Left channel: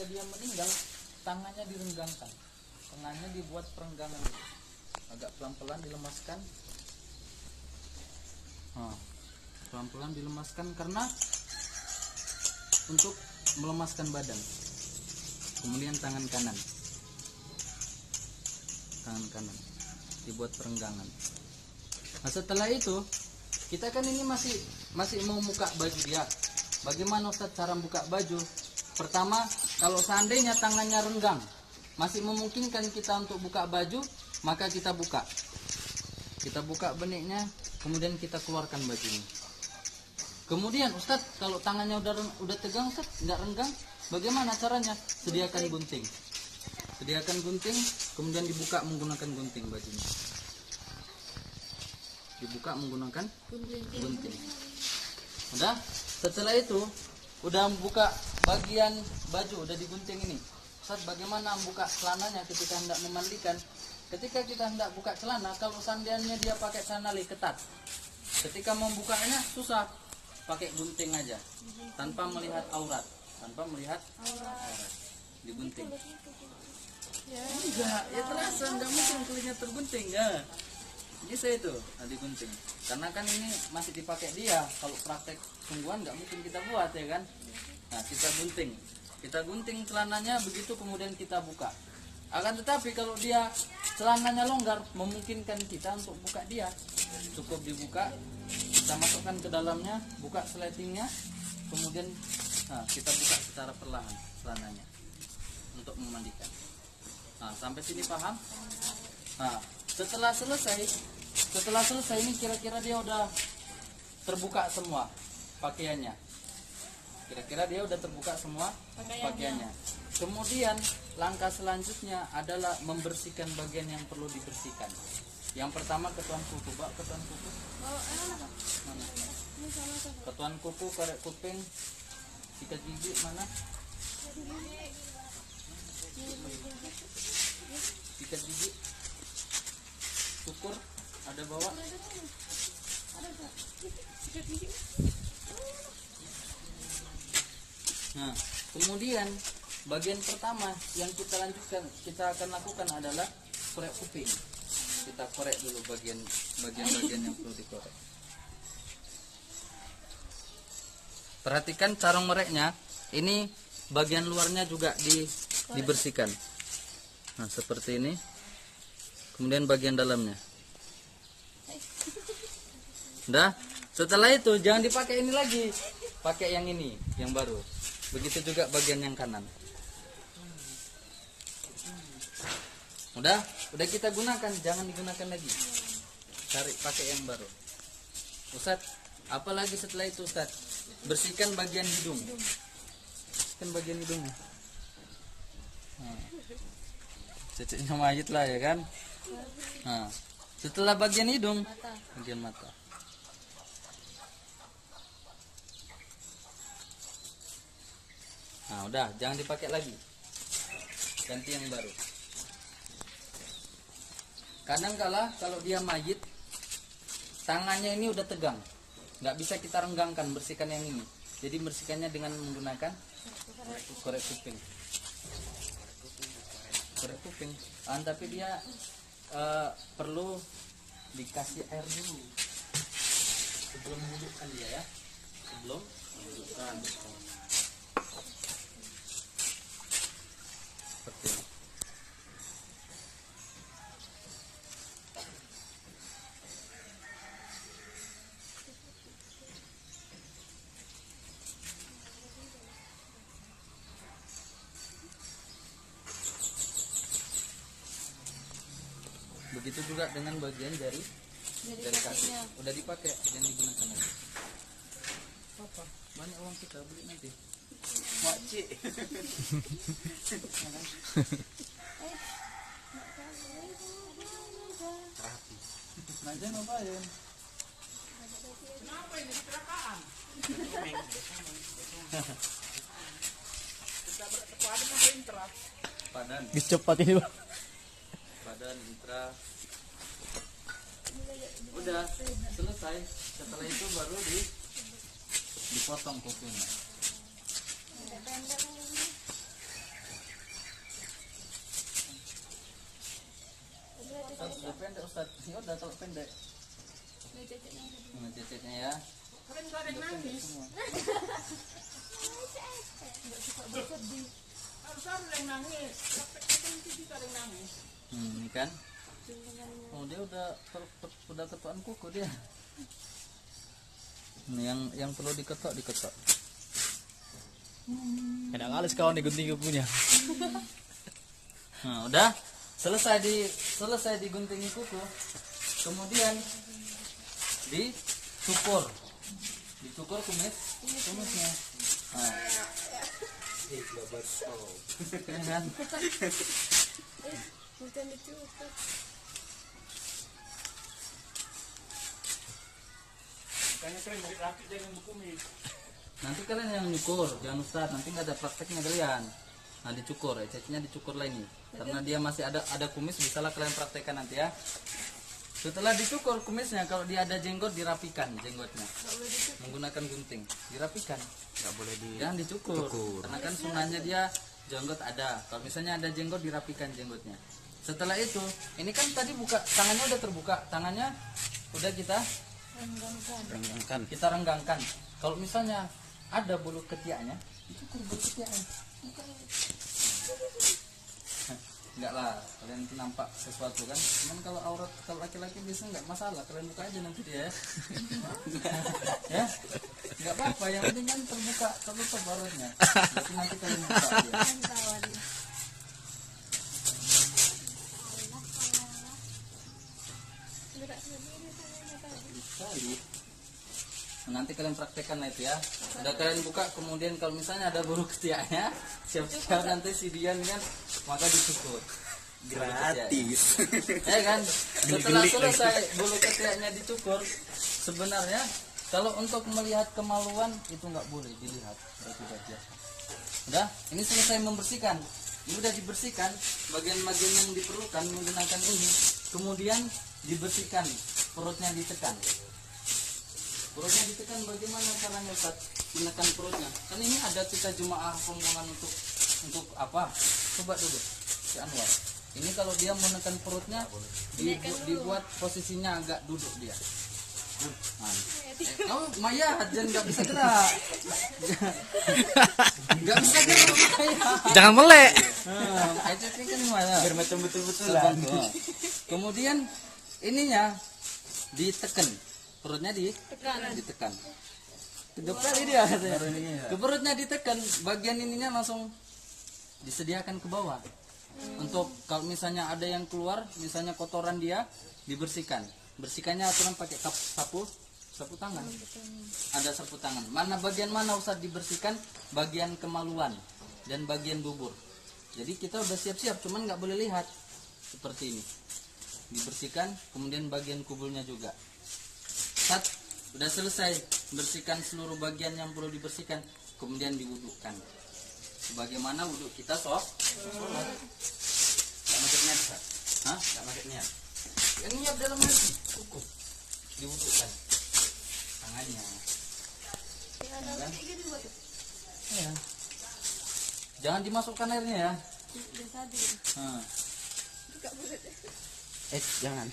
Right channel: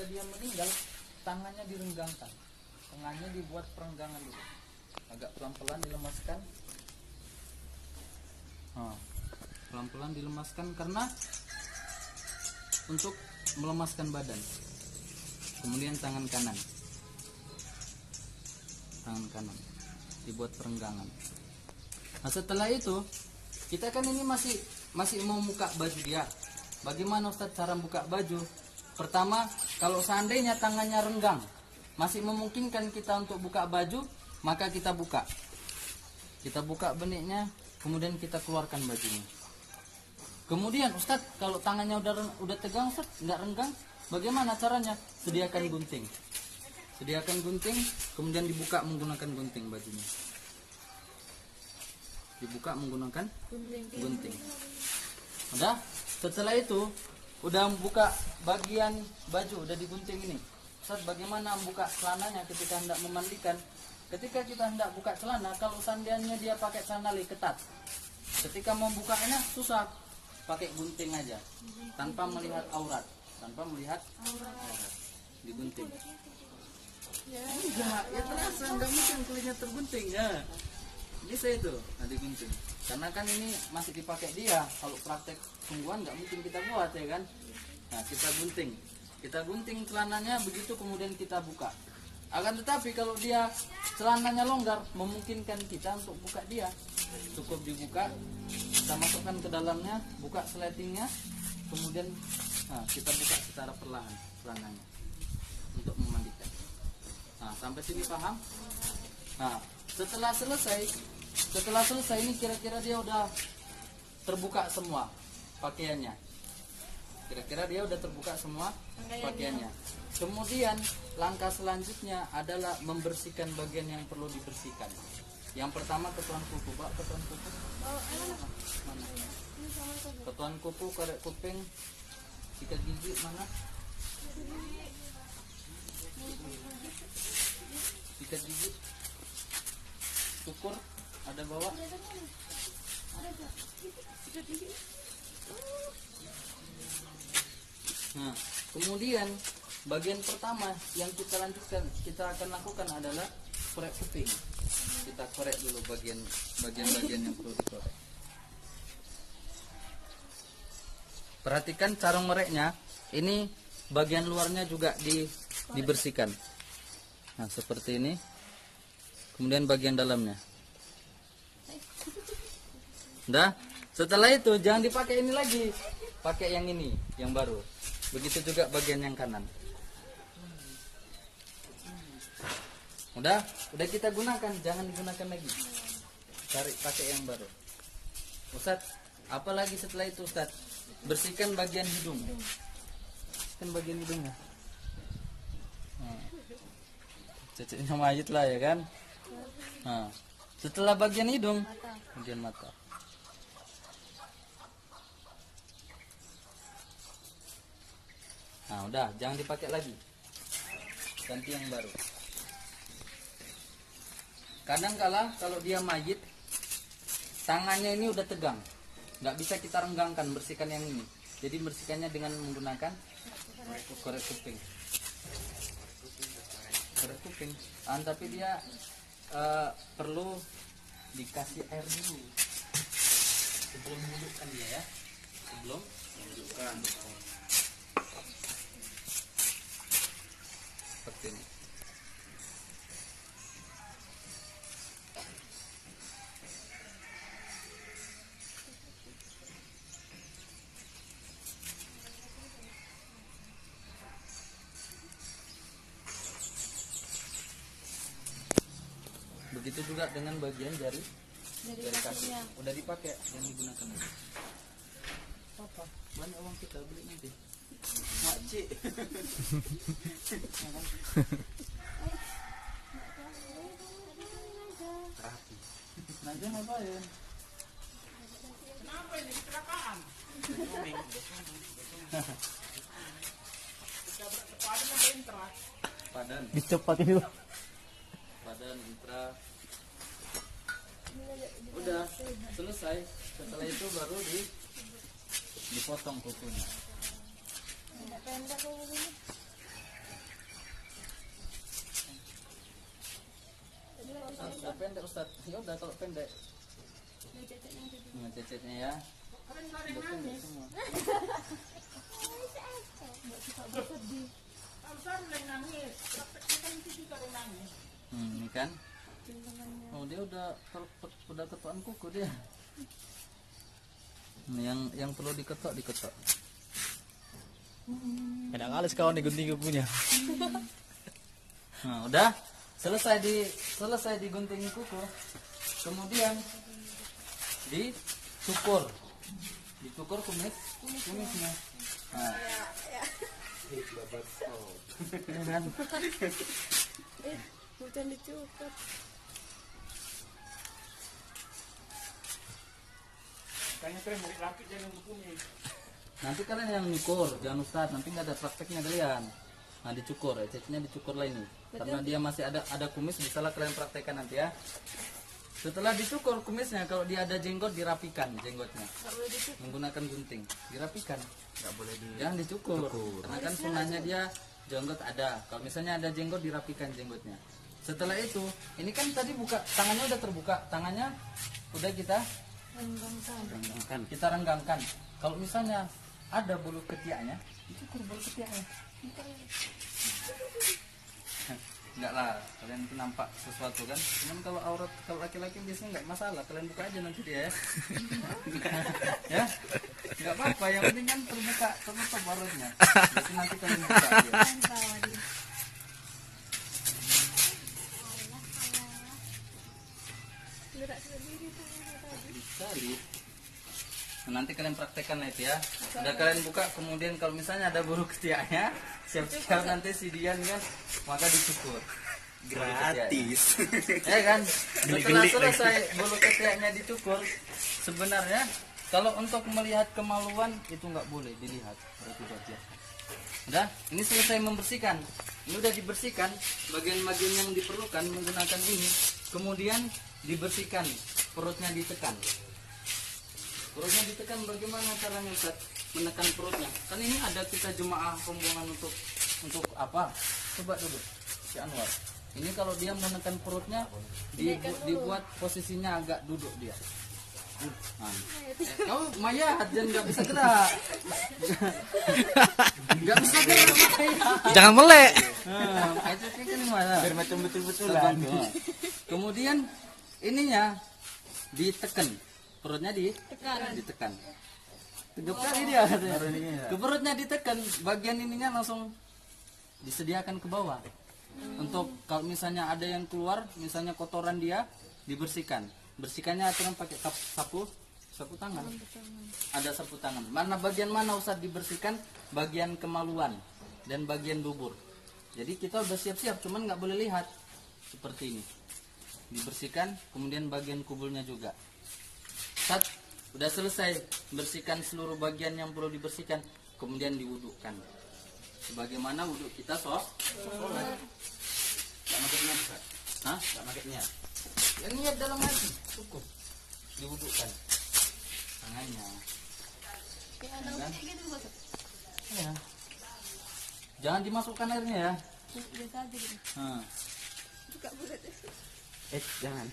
ketika dia meninggal, tangannya direnggangkan, tangannya dibuat perenggangan dulu, agak pelan-pelan dilemaskan. Pelan-pelan dilemaskan karena untuk melemaskan badan. Kemudian tangan kanan dibuat perenggangan. Nah, setelah itu kita kan ini masih mau buka baju dia. Bagaimana Ustaz cara buka baju? Pertama, kalau seandainya tangannya renggang, masih memungkinkan kita untuk buka baju, maka kita buka beniknya, kemudian kita keluarkan bajunya. Kemudian Ustaz, kalau tangannya udah tegang Ustaz, nggak renggang, bagaimana caranya? Sediakan gunting, kemudian dibuka menggunakan gunting bajunya. Dibuka menggunakan gunting. Udah, setelah itu udah buka bagian baju, udah digunting ini. Ustaz, bagaimana membuka celananya ketika hendak memandikan? Ketika kita hendak buka celana, kalau seandainya dia pakai celana ketat, ketika membukanya susah, pakai gunting aja, tanpa melihat aurat, digunting. Enggak, ya terasa, enggak mungkin kulitnya tergunting ya. Bisa itu, digunting. Karena kan ini masih dipakai dia. Kalau praktek sungguhan nggak mungkin kita buat ya kan. Nah, kita gunting celananya, begitu kemudian kita buka. Akan tetapi kalau dia celananya longgar, memungkinkan kita untuk buka dia. Cukup dibuka, kita masukkan ke dalamnya, buka sletingnya, kemudian kita buka secara perlahan celananya untuk memandikan. Nah, sampai sini paham? Nah, setelah selesai ini kira-kira dia udah terbuka semua pakaiannya. Kemudian langkah selanjutnya adalah membersihkan bagian yang perlu dibersihkan. Yang pertama ketuan kuku, Pak, ketuan kuku. Mana? Ketuan kuku, korek kuping, sikat gigi mana? Sikat gigi. Cukur ada bawa? Nah, kemudian bagian pertama yang kita akan lakukan adalah korek kuping. Kita korek dulu bagian-bagian yang perlu dikorek. Perhatikan cara mereknya. Ini bagian luarnya juga dibersihkan. Nah, seperti ini. Kemudian bagian dalamnya. Udah. Setelah itu jangan dipakai ini lagi. Pakai yang ini, yang baru. Begitu juga bagian yang kanan. Udah kita gunakan, jangan digunakan lagi. Cari pakai yang baru. Ustaz, apalagi setelah itu Ustaz? Bersihkan bagian hidung. Kan bagian hidungnya. Ceceknya mayit lah ya kan. Nah, setelah bagian hidung, bagian mata. Nah, udah, jangan dipakai lagi. Ganti yang baru. Kadang-kala kalau dia mayit, tangannya ini udah tegang, nggak bisa kita renggangkan, bersihkan yang ini. Jadi bersihkannya dengan menggunakan korek kuping. Tapi dia perlu dikasih air dulu sebelum menghidupkan dia ya. Seperti ini. Begitu juga dengan bagian jari kaki. Udah dipakai, jangan digunakan lagi. Apa? Banyak uang kita beli nanti. Makcik. Rapi. Nanti ngapain? Kenapa ini kecelakaan? Padan. Cepat ini, Pak. Padan intra. Udah selesai. Setelah itu baru dipotong kukunya. Ustaz. Ya udah kalau pendek. Cecetnya ya. Udah pendek semua. Ini kan. Oh dia udah ketuaan kuku dia. Ini yang perlu diketok. Enak kali kawan digunting kukunya. Nah, udah selesai digunting kuku. Kemudian dicukur kumisnya. Nah. Nanti kalian yang nyukur, jangan Ustaz, nanti nggak ada prakteknya kalian. Nah dicukur, cecenya dicukur lah ini, karena dia masih ada kumis, bisalah kalian praktekkan nanti ya. Setelah dicukur kumisnya, kalau dia ada jenggot dirapikan jenggotnya, menggunakan gunting, dirapikan. Nggak boleh Jangan dicukur, karena kan sunahnya dia jenggot ada. Kalau misalnya ada jenggot dirapikan jenggotnya. Setelah itu, ini kan tadi tangannya udah terbuka, tangannya udah kita renggangkan. Kalau misalnya ada bulu ketiaknya, dicukur bulu ketiaknya. Enggak lah, kalian itu nampak sesuatu kan. Cuman kalau laki-laki biasanya nggak masalah, kalian buka aja nanti dia ya. Ya, nggak apa-apa, yang penting kan terbuka barunya. Jadi nanti kalian buka dia. Nah, nanti kalian praktekkan itu ya. Udah kalian buka, kemudian kalau misalnya ada bulu ketiaknya, siap-siap nanti si Dian kan, maka dicukur. gratis. Ya kan, setelah selesai bulu ketiaknya dicukur, sebenarnya kalau untuk melihat kemaluan itu nggak boleh dilihat, itu udah biasa. Udah, ini selesai membersihkan. Ini udah dibersihkan, bagian-bagian yang diperlukan menggunakan ini. Kemudian dibersihkan, perutnya ditekan. Perutnya ditekan, bagaimana caranya Ustaz menekan perutnya? Kan ini ada kita jemaah pembuangan untuk apa? Coba dulu si Anwar. Ini kalau dia menekan perutnya dibuat posisinya agak duduk dia. Kau Maya dan nggak bisa gerak. Nggak bisa gerak. Jangan melek. Itu kan mana? Biar macam betul-betul. Kemudian ininya ditekan. Perutnya ditekan. Tegap kali dia katanya. Ke perutnya ditekan, bagian ininya langsung disediakan ke bawah. Untuk kalau misalnya ada yang keluar, misalnya kotoran dia dibersihkan. Bersihkannya aturan pakai sapu tangan. Ada sapu tangan. Bagian mana Ustaz dibersihkan? Bagian kemaluan dan bagian dubur. Jadi kita udah siap-siap, cuman nggak boleh lihat. Seperti ini. Dibersihkan, kemudian bagian kubulnya juga. Udah selesai bersihkan seluruh bagian yang perlu dibersihkan, kemudian diwudukkan sebagaimana wuduk kita sholat. Nggak pakai niat, Hah? Nggak pakai niat. Yang niat dalam hati cukup diwudukkan tangannya. Ya. Jangan dimasukkan airnya ya. Jangan.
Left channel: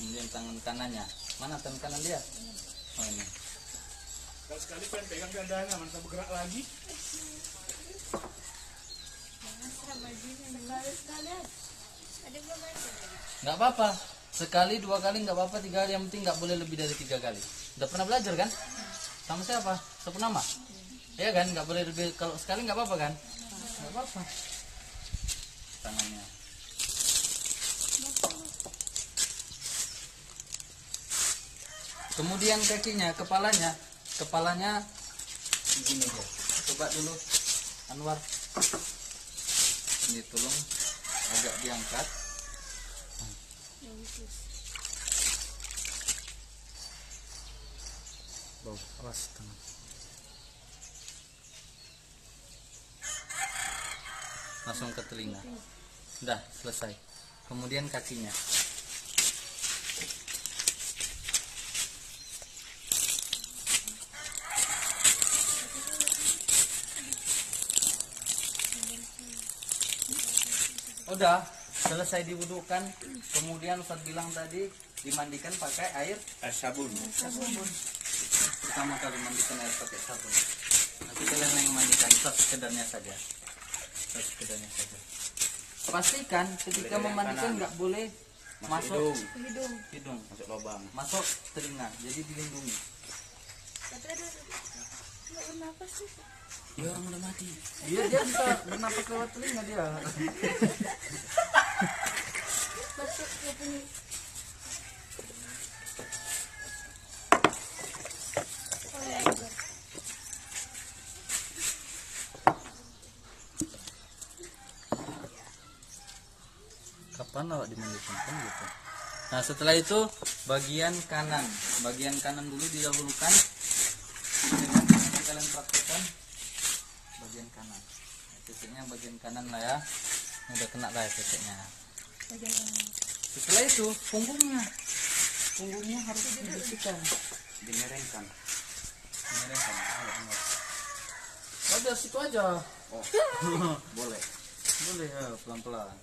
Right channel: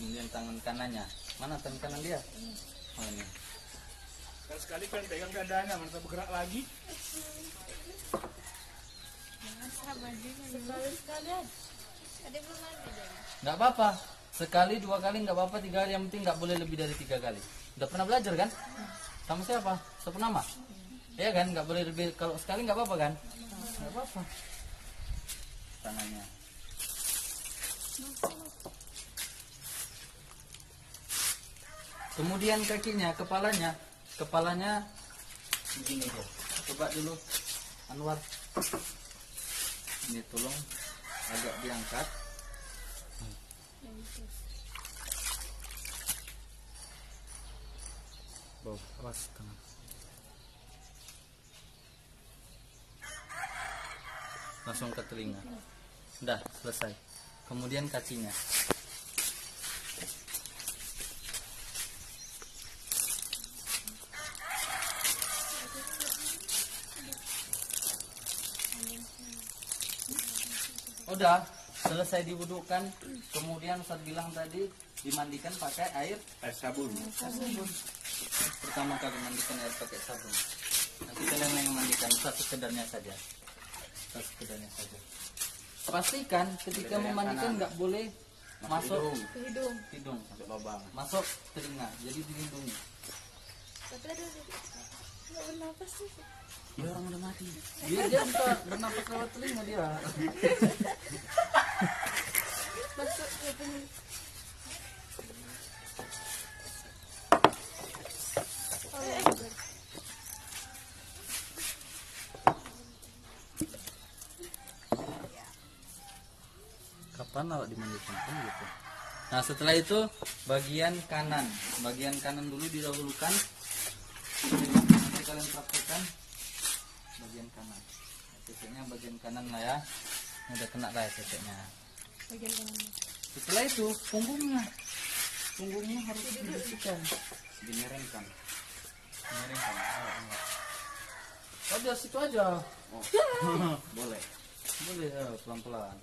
Kemudian tangan kanannya, mana tangan kanan dia? Oh ini. Kalau sekali kan pegang gandanya, mana bergerak lagi? Nggak apa-apa, sekali, 2 kali nggak apa-apa, 3 kali, yang penting nggak boleh lebih dari 3 kali. Udah pernah belajar kan? Sama siapa? Sapu nama? Iya kan, nggak boleh lebih, kalau sekali nggak apa-apa kan? Nggak apa-apa. Tangannya. Kemudian kakinya, kepalanya begini aja. Coba dulu Anwar. Ini tolong agak diangkat. Bawah, awas tangan. Langsung ke telinga. Udah selesai. Kemudian kakinya. Udah selesai diwudukan, kemudian Ustaz bilang tadi dimandikan pakai air sabun. sabun. Pertama kali mandikan air pakai sabun. Nanti kalian yang mandikan, Ustaz sekedarnya saja. Ustaz sekedarnya saja. Pastikan ketika memandikan nggak boleh masuk hidung, Masuk lubang. masuk telinga, jadi dilindungi. Ya orang udah mati. Dia bisa bernapas lewat telinga dia. Kapan awak dimandikan kan gitu. Nah setelah itu bagian kanan dulu didahulukan. Nanti kalian praktekkan bagian kanan. Titiknya bagian kanan lah ya. Ini udah kena lah ya titiknya. Setelah itu punggungnya harus dibersihkan, Dimiringkan. miringkan. Udah situ aja. Oh, boleh. Boleh ya pelan-pelan.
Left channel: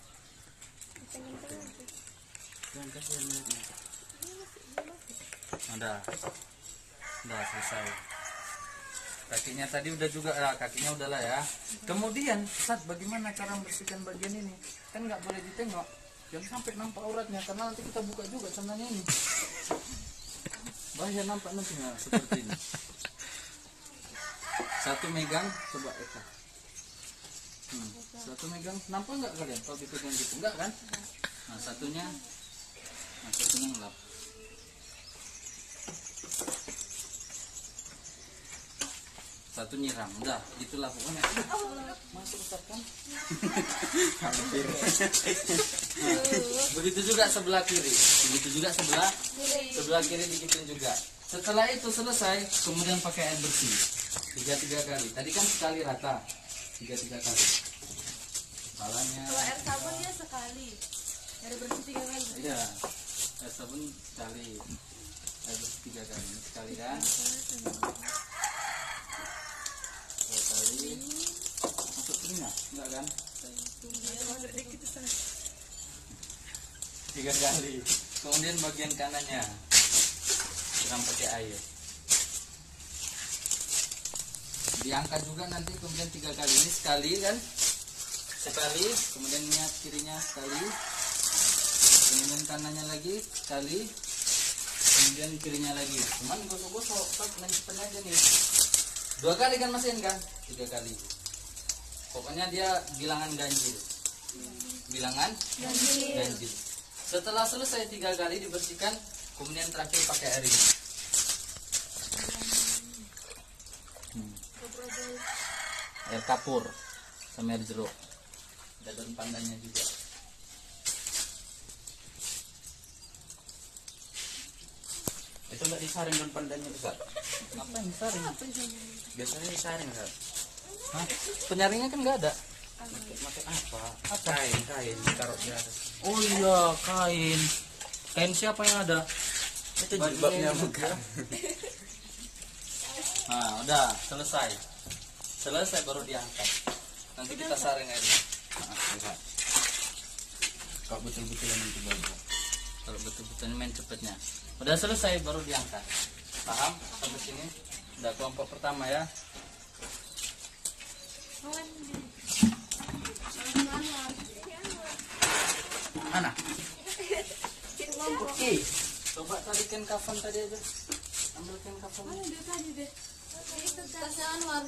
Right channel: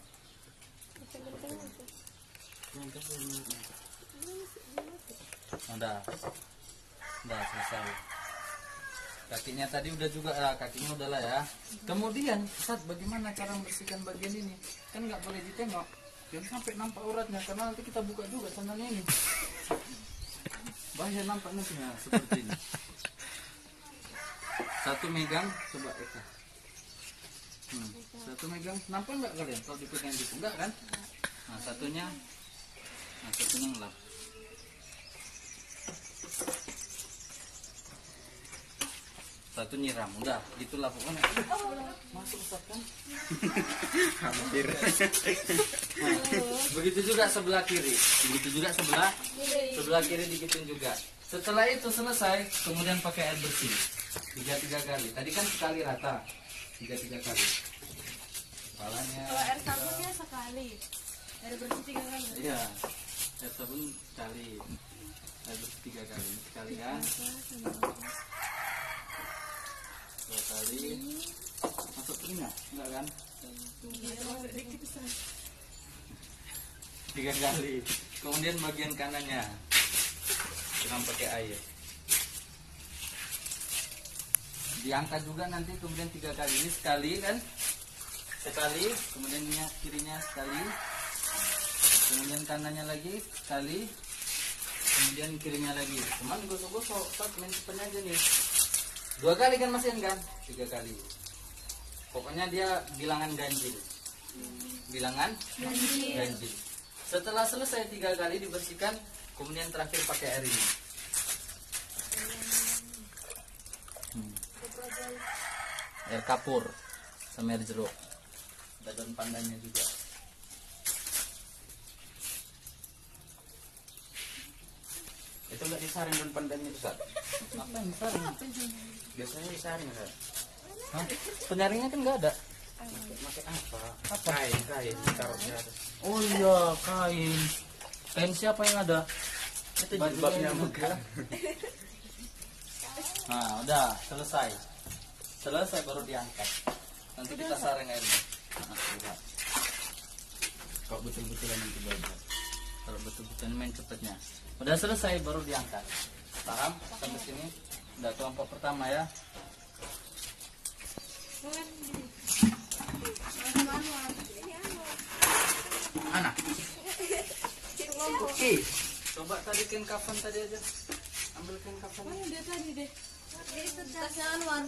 Udah selesai. Kakinya tadi udah juga, kakinya udahlah ya. Kemudian Ustaz, bagaimana cara membersihkan bagian ini? Kan nggak boleh ditengok, jangan sampai nampak auratnya karena nanti kita buka juga celananya ini. Bahaya nampak nanti seperti ini. Satu megang, coba Eka. Satu megang, nampak nggak kalian kalau dipegang gitu? Enggak kan? Nah satunya ngelap. Satu nyiram, udah gitulah pokoknya. Masuk Ustaz kan? Hampir. Begitu juga sebelah kiri, begitu juga sebelah kiri digituin juga. Setelah itu selesai, kemudian pakai air bersih 3 kali. Tadi kan sekali rata, 3 kali. Kepalanya. Kalau air sabunnya sekali, air bersih 3 kali. Iya, air sabun sekali, air bersih 3 kali. Ini sekalian. 2 kali. Masuk telinga, enggak kan? 3 kali. Kemudian bagian kanannya siram pakai air. Diangkat juga nanti, kemudian 3 kali. Ini sekali kan? Sekali, kemudian kirinya sekali, kemudian kanannya lagi sekali, kemudian kirinya lagi. Cuman gosok-gosok, Pak, main cepatnya aja nih. 2 kali kan mesin kan? 3 kali. Pokoknya dia bilangan ganjil. Bilangan ganjil. Setelah selesai 3 kali dibersihkan, kemudian terakhir pakai air ini. Air kapur sama air jeruk. Ada daun pandannya juga. Itu enggak disaring dan pandannya juga. Apa yang disaring? Biasanya disaring, Kak. Hah? Penyaringnya kan nggak ada. Pakai apa? Apa? Kain taruh di atas. Oh iya, kain. Kain siapa yang ada? Itu Baju jilbabnya yang muka. Nah, udah selesai. Selesai baru diangkat. Nanti kita saring airnya. Nah, lihat. Kalau betul-betulan itu bagus. Kalau betul-betul main cepatnya. Udah selesai baru diangkat. Paham? Sampai sini. Udah kelompok pertama ya. Mana? Kelompok. Coba tarikan kafan tadi aja. Ambilkan kafan. Dia tadi deh. Itu tas Anwar.